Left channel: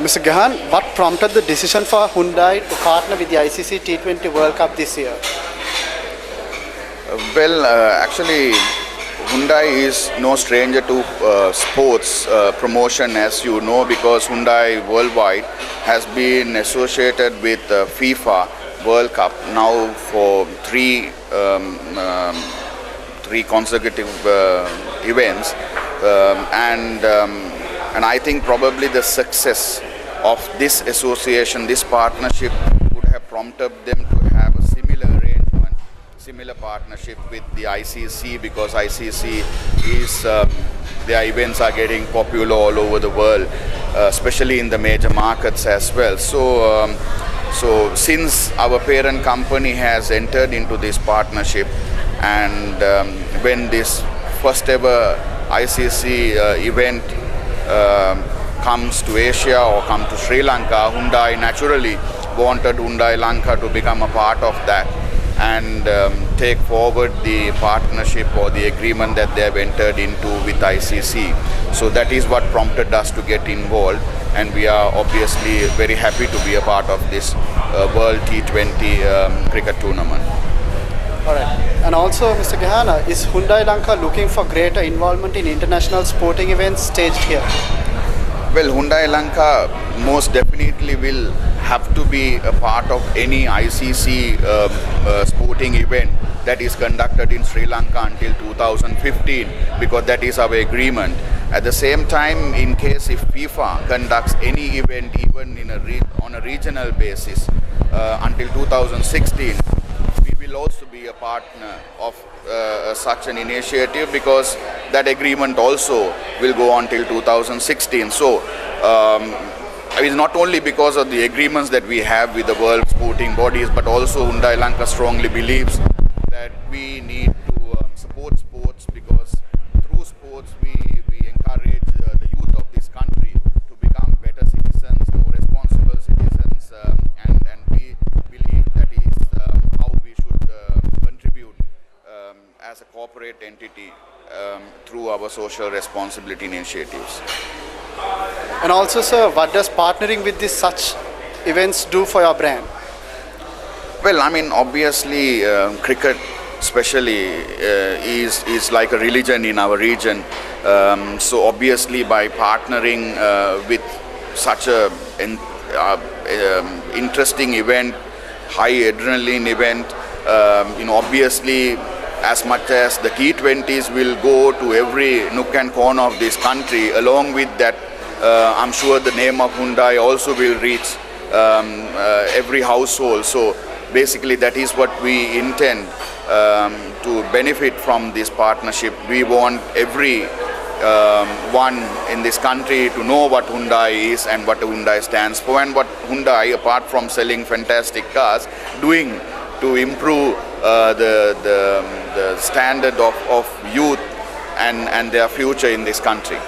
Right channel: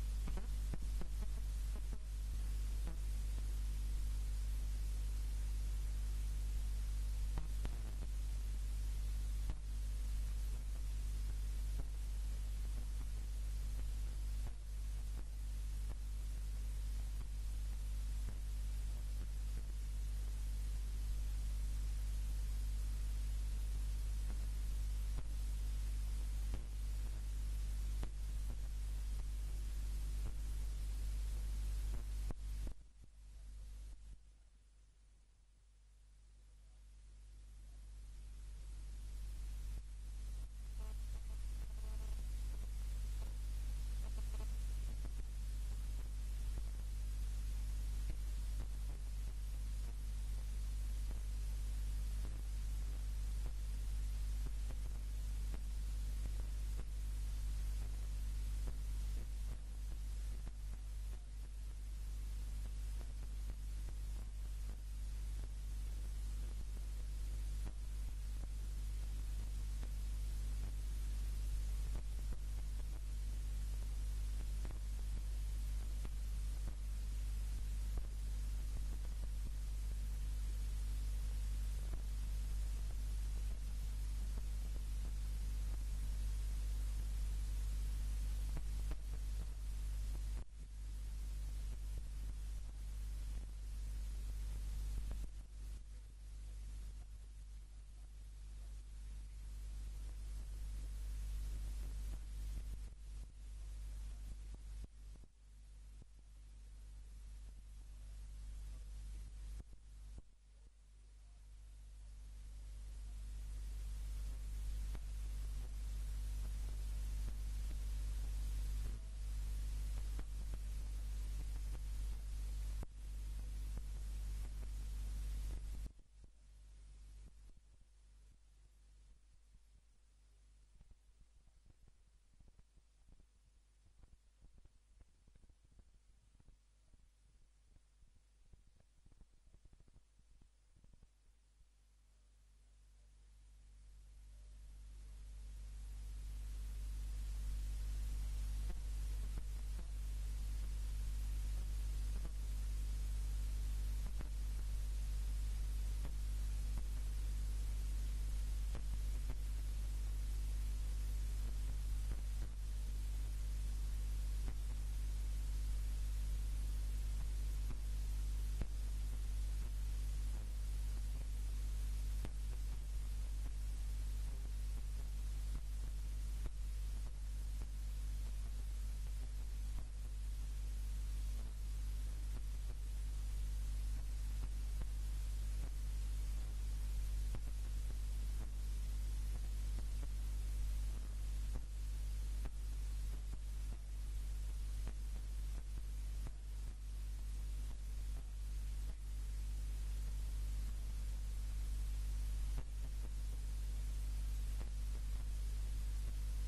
Mr. Gahan, what prompted the decision for Hyundai to partner with the ICC T20 World Cup this year? Actually, Hyundai is no stranger to sports promotion, as you know, because Hyundai worldwide has been associated with FIFA World Cup now for three consecutive events, and I think probably the success of this association, this partnership, would have prompted them to have a similar arrangement, similar partnership with the ICC, because ICC is their events are getting popular all over the world, especially in the major markets as well. So since our parent company has entered into this partnership, and when this first ever ICC event comes to Asia or come to Sri Lanka, Hyundai naturally wanted Hyundai Lanka to become a part of that and take forward the partnership or the agreement that they have entered into with ICC. So that is what prompted us to get involved, and we are obviously very happy to be a part of this World T20 cricket tournament. All right. And also, Mr. Gahan, is Hyundai Lanka looking for greater involvement in international sporting events staged here? Well, Hyundai Lanka most definitely will have to be a part of any ICC sporting event that is conducted in Sri Lanka until 2015, because that is our agreement. At the same time, in case if FIFA conducts any event even on a regional basis until 2016, we will also be a partner of such an initiative, because that agreement also will go until 2016. So it's not only because of the agreements that we have with the world sporting bodies, but also Hyundai Lanka strongly believes that we need to support sports, because through sports we encourage the youth of this country to become better citizens, more responsible citizens, and we believe that is how we should contribute as a corporate entity through our social responsibility initiatives. And also, sir, what does partnering with such events do for your brand? Well, I mean, obviously, cricket especially is like a religion in our region. So obviously, by partnering with such a interesting event, high adrenaline event, obviously, as much as the T20s will go to every nook and corner of this country, along with that, I'm sure the name of Hyundai also will reach every household. So basically, that is what we intend to benefit from this partnership. We want every one in this country to know what Hyundai is and what Hyundai stands for, and what Hyundai, apart from selling fantastic cars, doing to improve the standard of youth and their future in this country.